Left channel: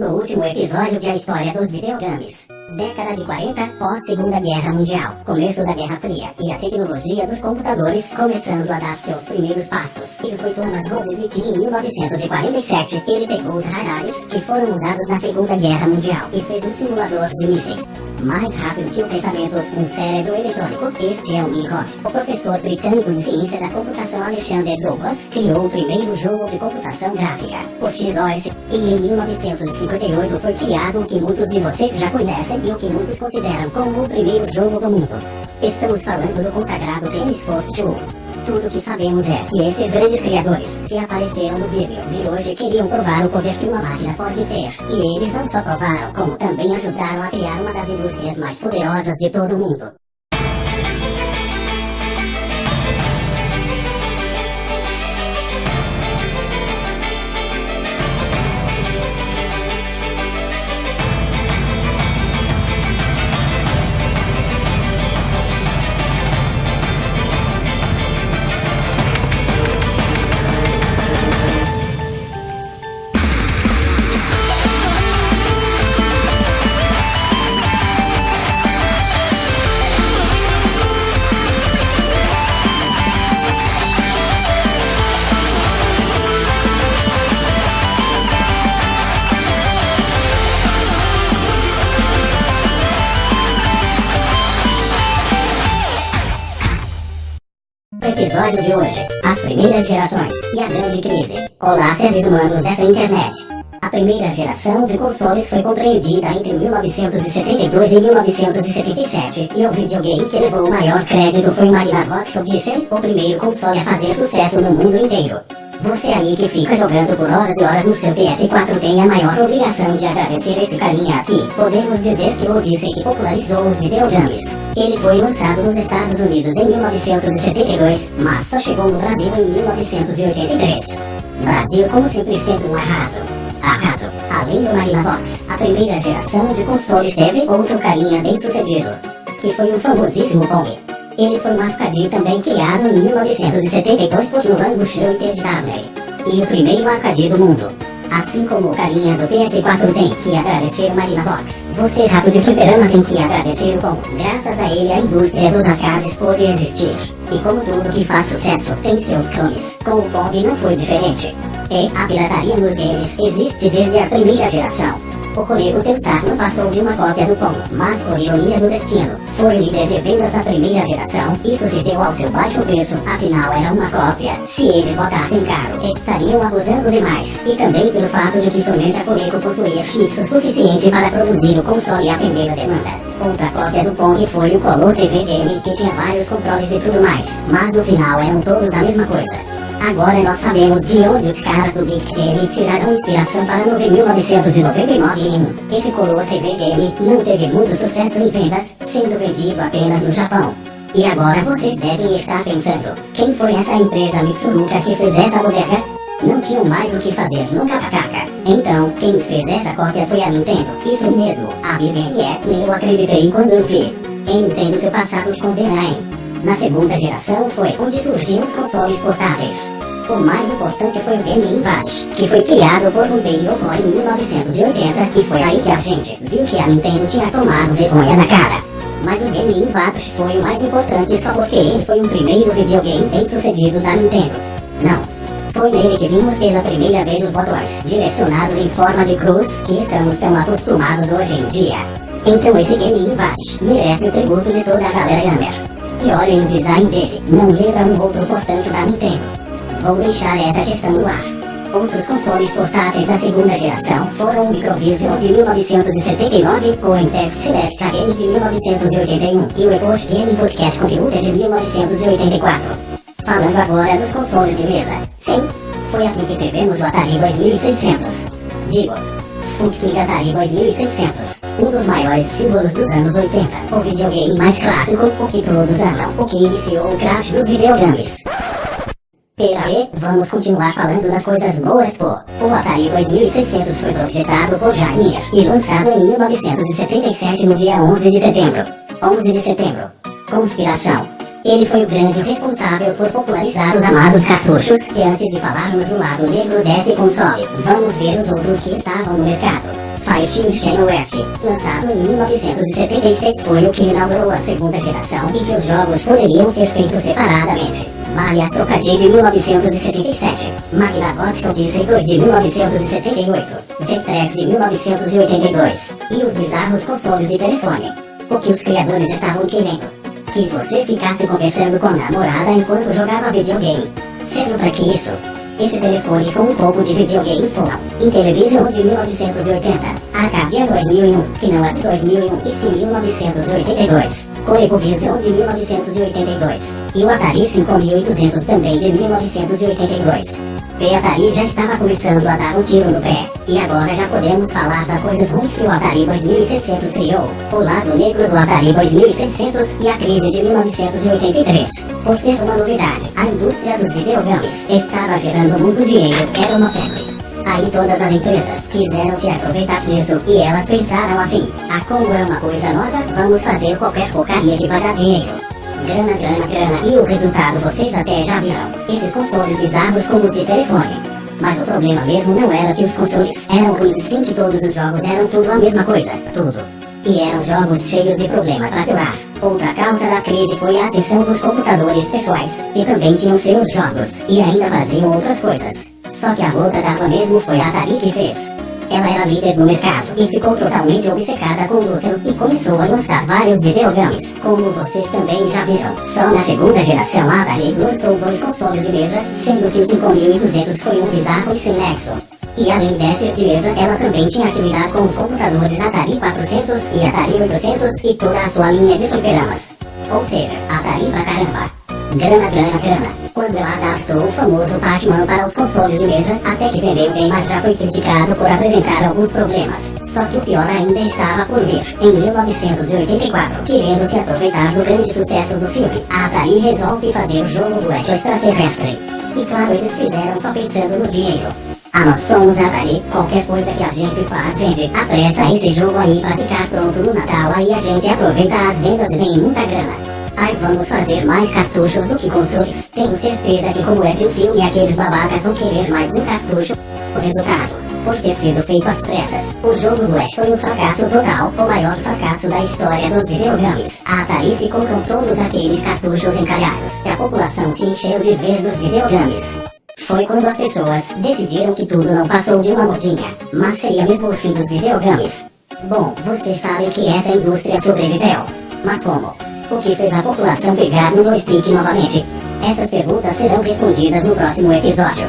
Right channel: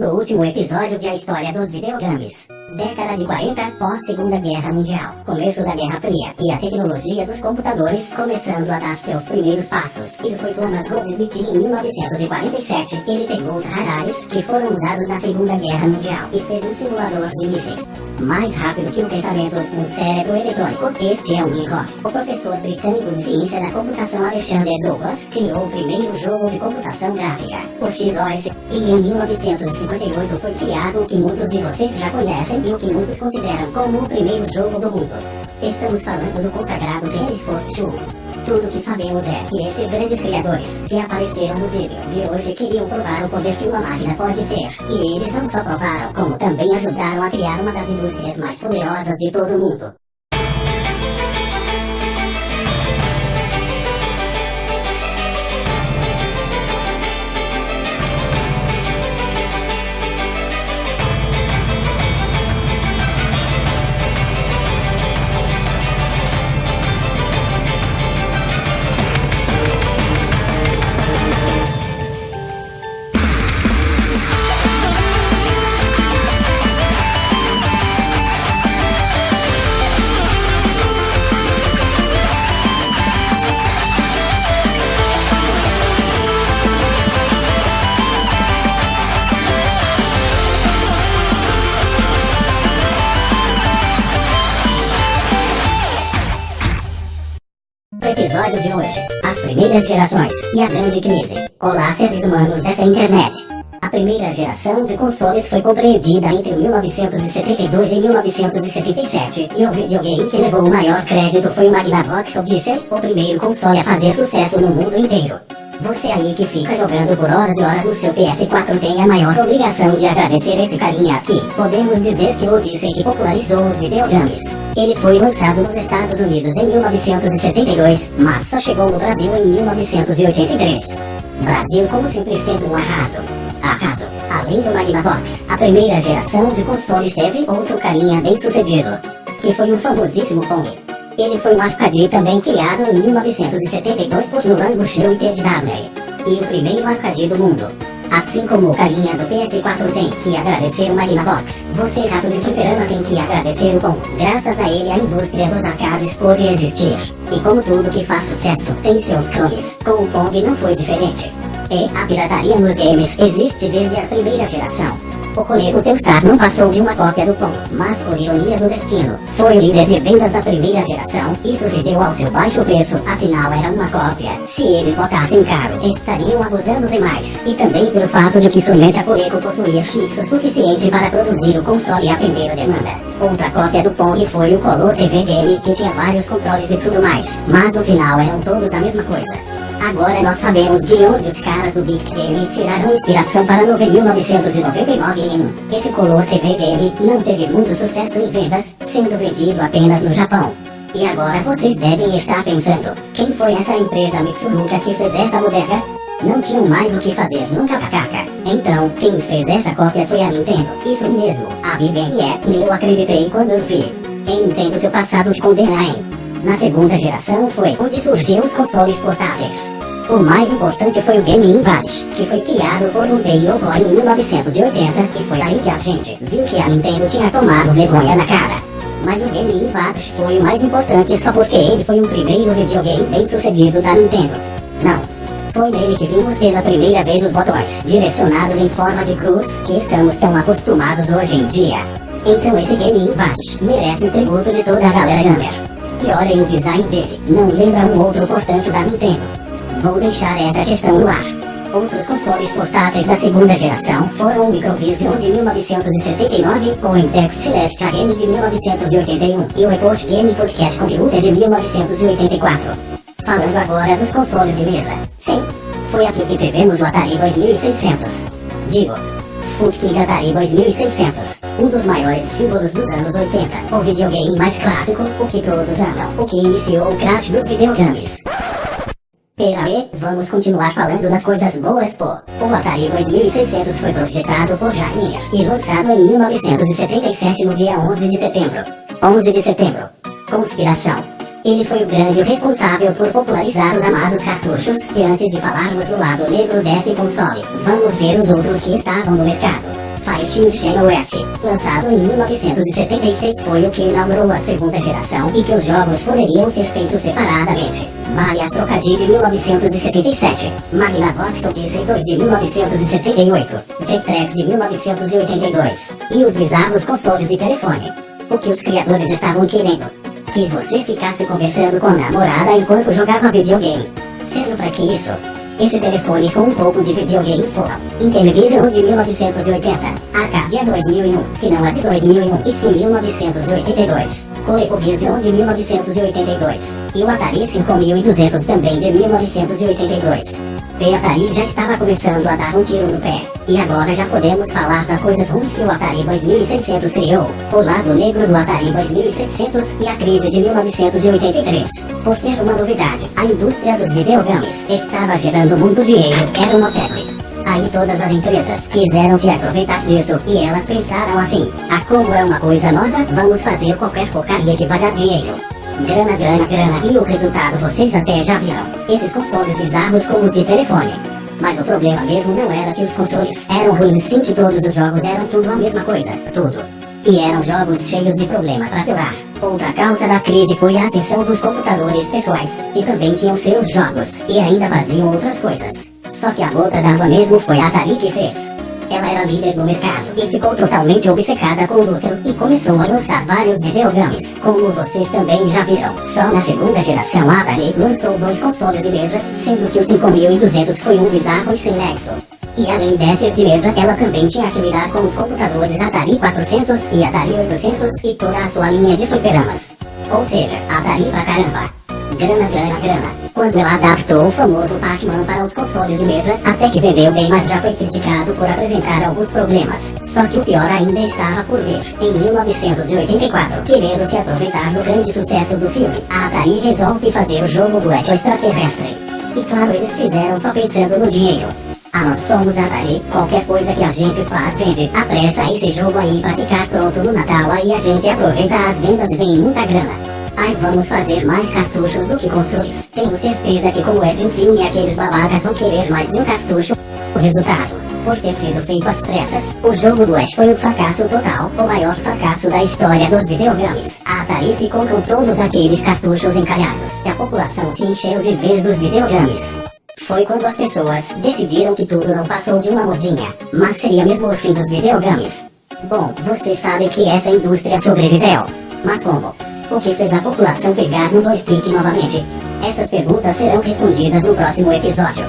No último episódio de A História dos Videogames, década de 40, pós-Segunda Guerra Mundial, começo da Guerra Fria, e a tecnologia dos computadores começando a dar seus primeiros passos. E foi Thomas Goldschmidt em 1947, ele pegou os radares que foram usados na Segunda Guerra Mundial e fez um simulador de mísseis. Mais rápido que o pensamento, um cérebro eletrônico, este é um unicórnio. O professor britânico de ciência da computação Alexander Douglas criou o primeiro jogo de computação gráfica, o XOS, e em 1958 foi criado o que muitos de vocês já conhecem e o que muitos consideram como o primeiro jogo do mundo. Estamos falando do consagrado Pikachu. Tudo que sabemos é que esses grandes criadores que apareceram no vídeo de hoje queriam provar o poder que uma máquina pode ter. E eles não só provaram, como também ajudaram a criar uma das indústrias mais poderosas de todo o mundo. Episódio de hoje, as primeiras gerações e a grande crise. Olá, seres humanos dessa internet. A primeira geração de consoles foi compreendida entre 1972 e 1977, e o videogame que levou o maior crédito foi o Magnavox Odyssey, o primeiro console a fazer sucesso no mundo inteiro. Você aí que fica jogando por horas e horas no seu PS4 tem a maior obrigação de agradecer esse carinha aqui. Podemos dizer que o Odyssey que popularizou os videogames. Ele foi lançado nos Estados Unidos em 1972, mas só chegou no Brasil em 1983. Brasil como sempre sendo um arraso. Além do Magnavox, a primeira geração de consoles teve outro carinha bem sucedido, que foi o famosíssimo Pong. Ele foi um arcade também criado em 1972 por Nolan Bushnell e Ted Downey, e o primeiro arcade do mundo. Assim como o carinha do PS4 tem que agradecer o Magnavox, você rato de fliperama tem que agradecer o Pong. Graças a ele a indústria dos arcades pôde existir. E como tudo que faz sucesso tem seus clones, com o Pong não foi diferente. E a pirataria nos games existe desde a primeira geração. O colega Telstar não passou de uma cópia do Pong, mas por ironia do destino, foi o líder de vendas da primeira geração. Isso se deu ao seu baixo preço, afinal era uma cópia. Se eles botassem caro, estariam abusando demais. E também pelo fato de que somente a Coleco possuía X o suficiente para produzir o console e atender a demanda. Outra cópia do Pong foi o Color TV Game, que tinha vários controles e tudo mais, mas no final eram todos a mesma coisa. Agora nós sabemos de onde os caras do Big Game tiraram inspiração para no 1999 em um. Esse Color TV Game não teve muito sucesso em vendas, sendo vendido apenas no Japão. E agora vocês devem estar pensando, quem foi essa empresa Mitsuruka que fez essa bodega? Não tinham mais o que fazer no KKK. Então, quem fez essa cópia foi a Nintendo. Isso mesmo, a Big Game é, eu acreditei quando eu vi. Entendo seu passado te condena, hein? Na segunda geração foi onde surgiram os consoles portáteis. O mais importante foi o Game Invade, que foi criado por Gunpei Yokoi em 1980, e foi aí que a gente viu que a Nintendo tinha tomado vergonha na cara. Mas o Game Invade foi o mais importante só porque ele foi o primeiro videogame bem sucedido da Nintendo. Não, foi nele que vimos pela primeira vez os botões, direcionados em forma de cruz, que estamos tão acostumados hoje em dia. Então esse Game Invade merece o tributo de toda a galera gamer. E olhem o design dele, não lembra um outro portanto da Nintendo. Vou deixar essa questão no ar. Outros consoles portáteis da segunda geração foram o Microvision de 1979, o Intex Select Game de 1981 e o Epoch Game Podcast Computer de 1984. Falando agora dos consoles de mesa. Sim, foi aqui que tivemos o Atari 2600. Digo, Full-King Atari 2600, um dos maiores símbolos dos anos 80, o videogame mais clássico, o que todos amam, o que iniciou o crash dos videogames. Peraí, vamos continuar falando das coisas boas, pô. O Atari 2600 foi projetado por Jair e lançado em 1977 no dia 11 de setembro. 11 de setembro. Conspiração. Ele foi o grande responsável por popularizar os amados cartuchos, e antes de falarmos do lado negro desse console, vamos ver os outros que estavam no mercado. Mickeychu Channel F, lançado em 1976, foi o que inaugurou a segunda geração e que os jogos poderiam ser feitos separadamente. Vale a trocadilho de 1977, Magnavox Odyssey 2 de 1978, Detesta de 1982, e os bizarros consoles de telefone. O que os criadores estavam querendo? Que você ficasse conversando com a namorada enquanto jogava videogame. Seja pra que isso? Esses telefones com um pouco de videogame foram Intellivision de 1980, Arcadia 2001, que não é de 2001, e sim 1982, ColecoVision de 1982, e o Atari 5200 também de 1982. O Atari já estava começando a dar um tiro no pé, e agora já podemos falar das coisas ruins que o Atari 2600 criou, o lado negro do Atari 2600 e a crise de 1983. Por ser uma novidade, a indústria dos videogames estava gerando muito dinheiro, era uma febre. Aí todas as empresas quiseram se aproveitar disso e elas pensaram assim: como é uma coisa nova, vamos fazer qualquer porcaria que pagar dinheiro. Grana, grana, grana, e o resultado vocês até já viram. Esses consoles bizarros como os de telefone. Mas o problema mesmo não era que os consoles eram ruins, sim, que todos os jogos eram tudo a mesma coisa, tudo. E eram jogos cheios de problema para piorar. Outra causa da crise foi a ascensão dos computadores pessoais, que também tinham seus jogos, e ainda faziam outras coisas. Só que a gota d'água mesmo foi a Atari que fez. Ela era líder no mercado e ficou totalmente obcecada com o lucro e começou a lançar vários videogames, como vocês também já viram. Só na segunda geração a Atari lançou 2 consoles de mesa, sendo que o 5200 foi um bizarro e sem nexo. E além desses de mesa, ela também tinha que lidar com os computadores Atari 400 e Atari 800 e toda a sua linha de fliperamas. Ou seja, Atari pra caramba. Grana, grana, grana. Quando ela adaptou o famoso Pac-Man para os consoles de mesa, até que vendeu bem, mas já foi criticado por apresentar alguns problemas. Só que o pior ainda estava por vir. Em 1984, querendo se aproveitar do grande sucesso do filme, a Atari resolve fazer o jogo do extraterrestre. E claro, eles fizeram só pensando no dinheiro. Nós somos a Atari, qualquer coisa que a gente faz vende. Apressa esse jogo aí pra ficar pronto no Natal, aí a gente aproveita as vendas e vem muita grana. Aí vamos fazer mais cartuchos do que consoles. Tenho certeza que como é de um filme, aqueles babacas vão querer mais de um cartucho. O resultado, por ter sido feito às pressas, o jogo do Ash foi um fracasso total, o maior fracasso da história dos videogames. A Atari ficou com todos aqueles cartuchos encalhados, e a população se encheu de vez dos videogames. Foi quando as pessoas decidiram que tudo não passou de uma modinha, mas seria mesmo o fim dos videogames. Bom, vocês sabem que essa indústria sobreviveu. Mas como? O que fez a população pegar no joystick novamente? Essas perguntas serão respondidas no próximo episódio.